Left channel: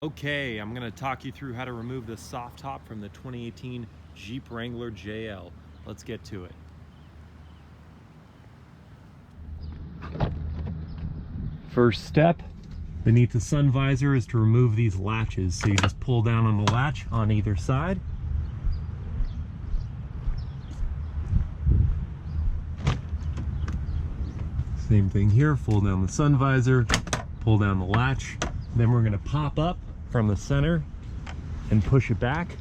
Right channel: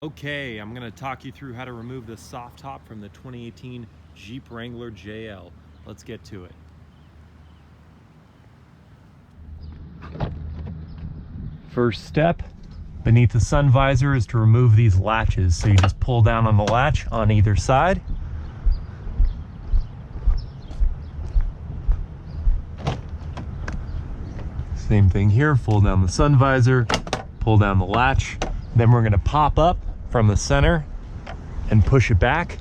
Okay, I'm going to talk you through how to remove the soft top from the 2018 Jeep Wrangler JL. Let's get to it. First step beneath the sun visor is to remove these latches. So you just pull down on the latch on either side. Same thing here, pull down the sun visor, pull down the latch. Then we're going to pop up from the center and push it back,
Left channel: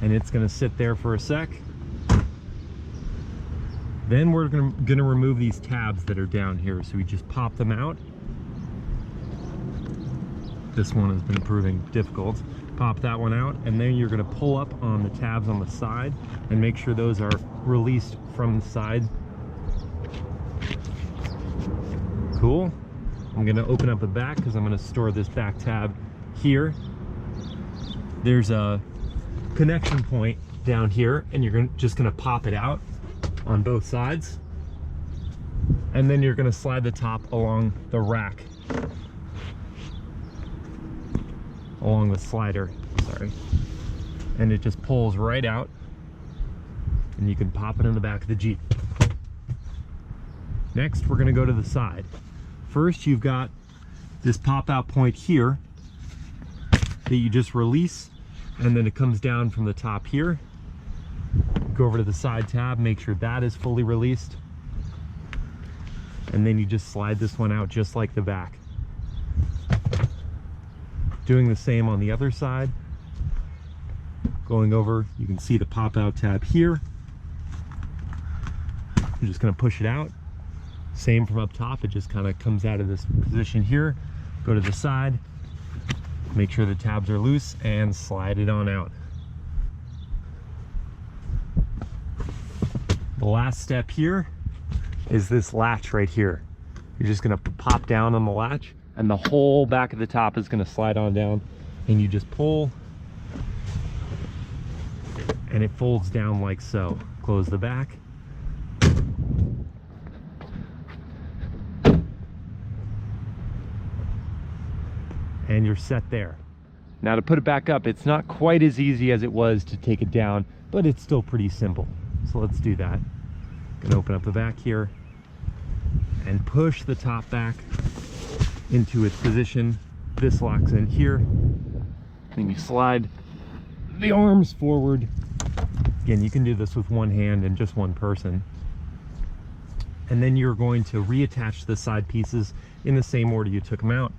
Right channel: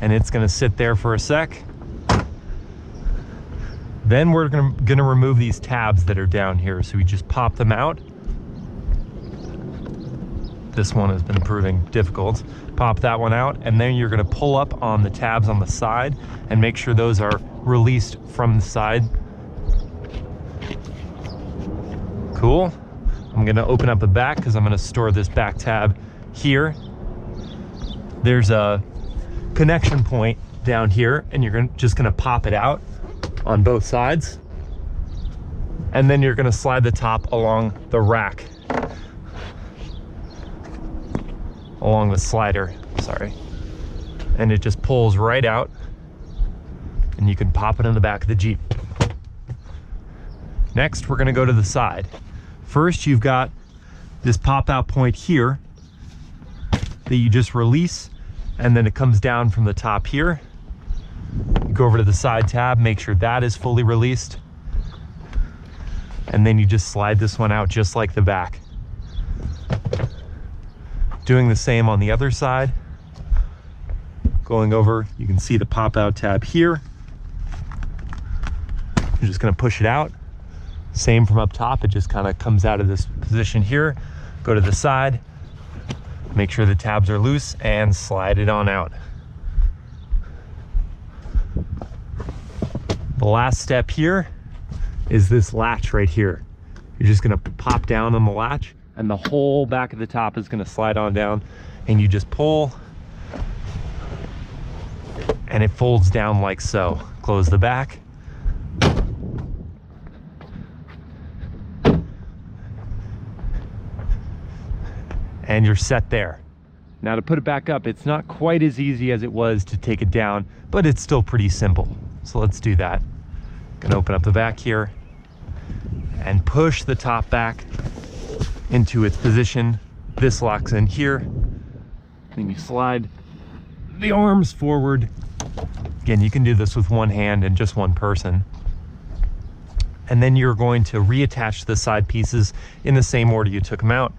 and it's going to sit there for a sec. Then we're going to remove these tabs that are down here. So we just pop them out. This one has been proving difficult. Pop that one out, and then you're going to pull up on the tabs on the side and make sure those are released from the side. Cool. I'm going to open up the back because I'm going to store this back tab here. There's a connection point down here, and you're just going to pop it out on both sides. And then you're going to slide the top along the rack, along the slider, sorry. And it just pulls right out, and you can pop it in the back of the Jeep. Next, we're going to go to the side. First, you've got this pop-out point here that you just release, and then it comes down from the top here. You go over to the side tab, make sure that is fully released, and then you just slide this one out just like the back. Doing the same on the other side. Going over, you can see the pop-out tab here. You're just going to push it out. Same from up top, it just kind of comes out of this position here. Go to the side, make sure the tabs are loose, and slide it on out. The last step here is this latch right here. You're just going to pop down on the latch, and the whole back of the top is going to slide on down, and you just pull, and it folds down like so. Close the back. And you're set there. Now to put it back up, it's not quite as easy as it was to take it down, but it's still pretty simple. So let's do that. Gonna open up the back here and push the top back into its position. This locks in here. Then you slide the arms forward. Again, you can do this with one hand and just one person. And then you're going to reattach the side pieces in the same order you took them out.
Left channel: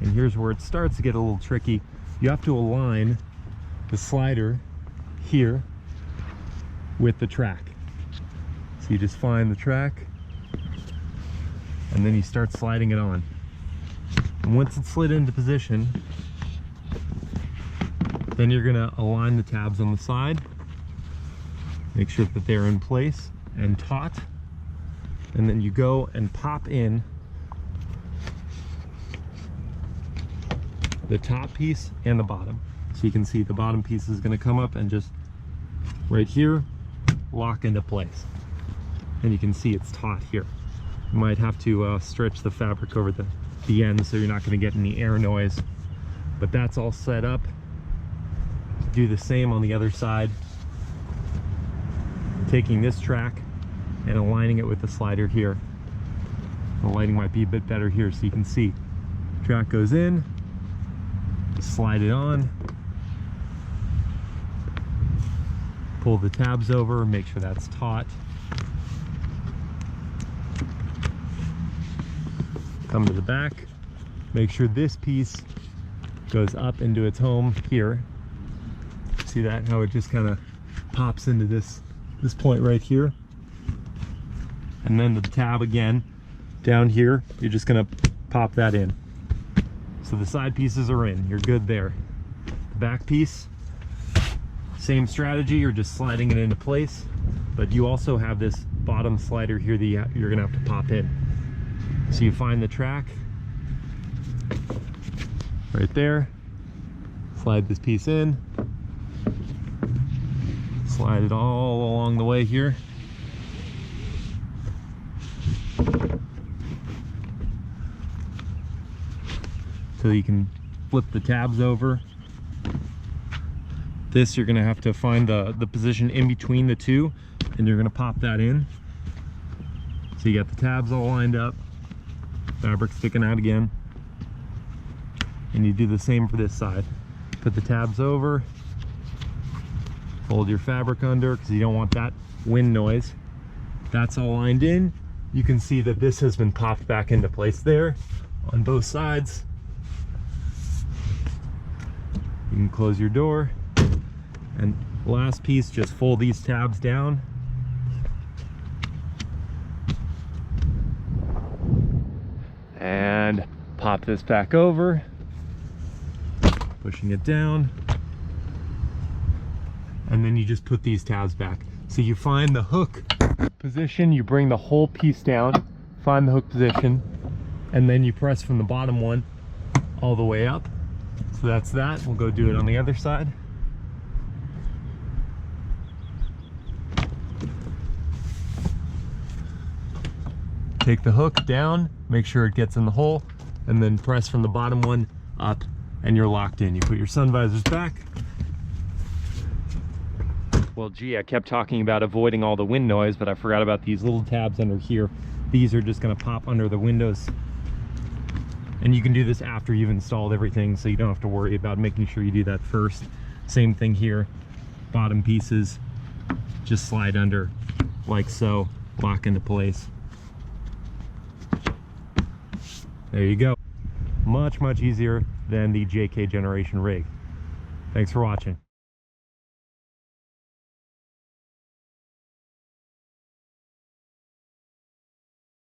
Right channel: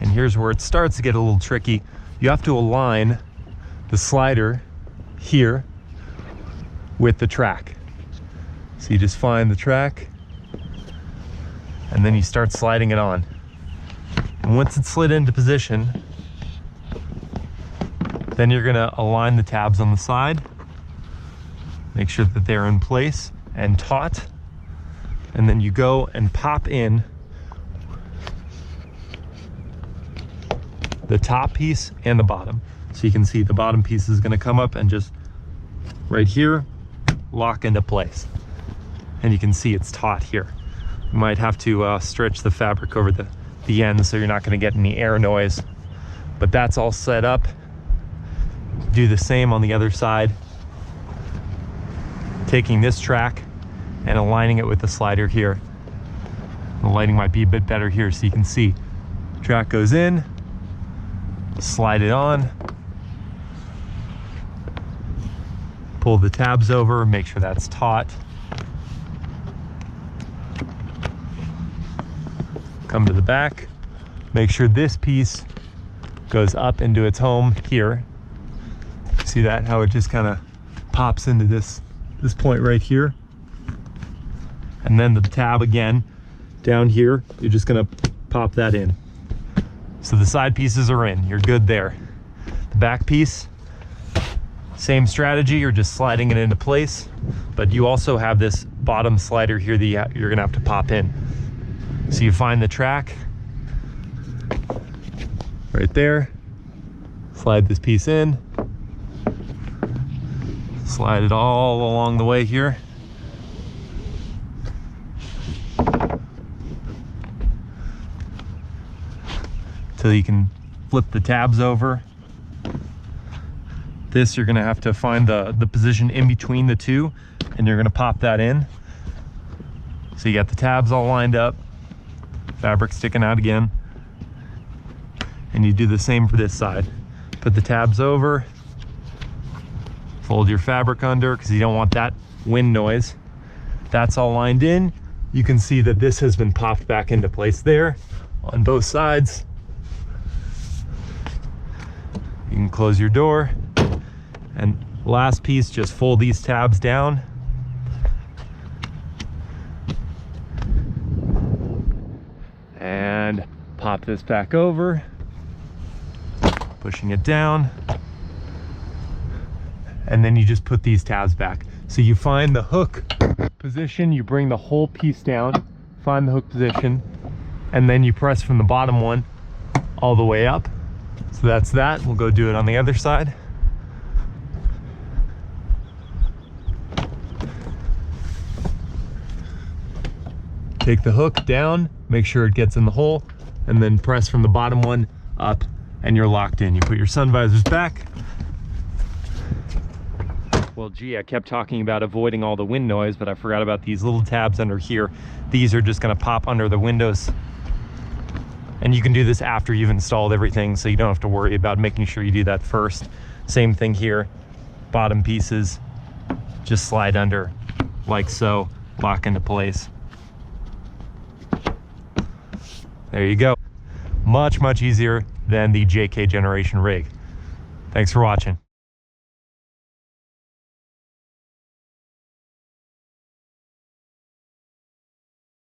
And here's where it starts to get a little tricky. You have to align the slider here with the track. So you just find the track, and then you start sliding it on. And once it's slid into position, then you're gonna align the tabs on the side, make sure that they're in place and taut, and then you go and pop in the top piece and the bottom. So you can see the bottom piece is going to come up and just right here lock into place, and you can see it's taut here. You might have to stretch the fabric over the end so you're not going to get any air noise, but that's all set up. Do the same on the other side, taking this track and aligning it with the slider here. The lighting might be a bit better here so you can see track goes in, slide it on, pull the tabs over, make sure that's taut, come to the back, make sure this piece goes up into its home here. See that, how it just kind of pops into this point right here, and then the tab again down here, you're just going to pop that in. So the side pieces are in, you're good there. The back piece, same strategy, you're just sliding it into place, but you also have this bottom slider here that you're gonna have to pop in. So you find the track right there, slide this piece in, slide it all along the way here. Till you can flip the tabs over. This, you're gonna have to find the position in between the two, and you're gonna pop that in. So you got the tabs all lined up, fabric sticking out again. And you do the same for this side. Put the tabs over, fold your fabric under because you don't want that wind noise. That's all lined in. You can see that this has been popped back into place there on both sides. You can close your door. And last piece, just fold these tabs down. And pop this back over, pushing it down. And then you just put these tabs back. So you find the hook position, you bring the whole piece down, find the hook position, and then you press from the bottom one all the way up. So that's that. We'll go do it on the other side. Take the hook down, make sure it gets in the hole, and then press from the bottom one up, and you're locked in. You put your sun visors back. Well, gee, I kept talking about avoiding all the wind noise, but I forgot about these little tabs under here. These are just gonna pop under the windows. And you can do this after you've installed everything, so you don't have to worry about making sure you do that first. Same thing here, bottom pieces, just slide under like so, lock into place. There you go. Much, much easier than the JK generation rig. Thanks for watching.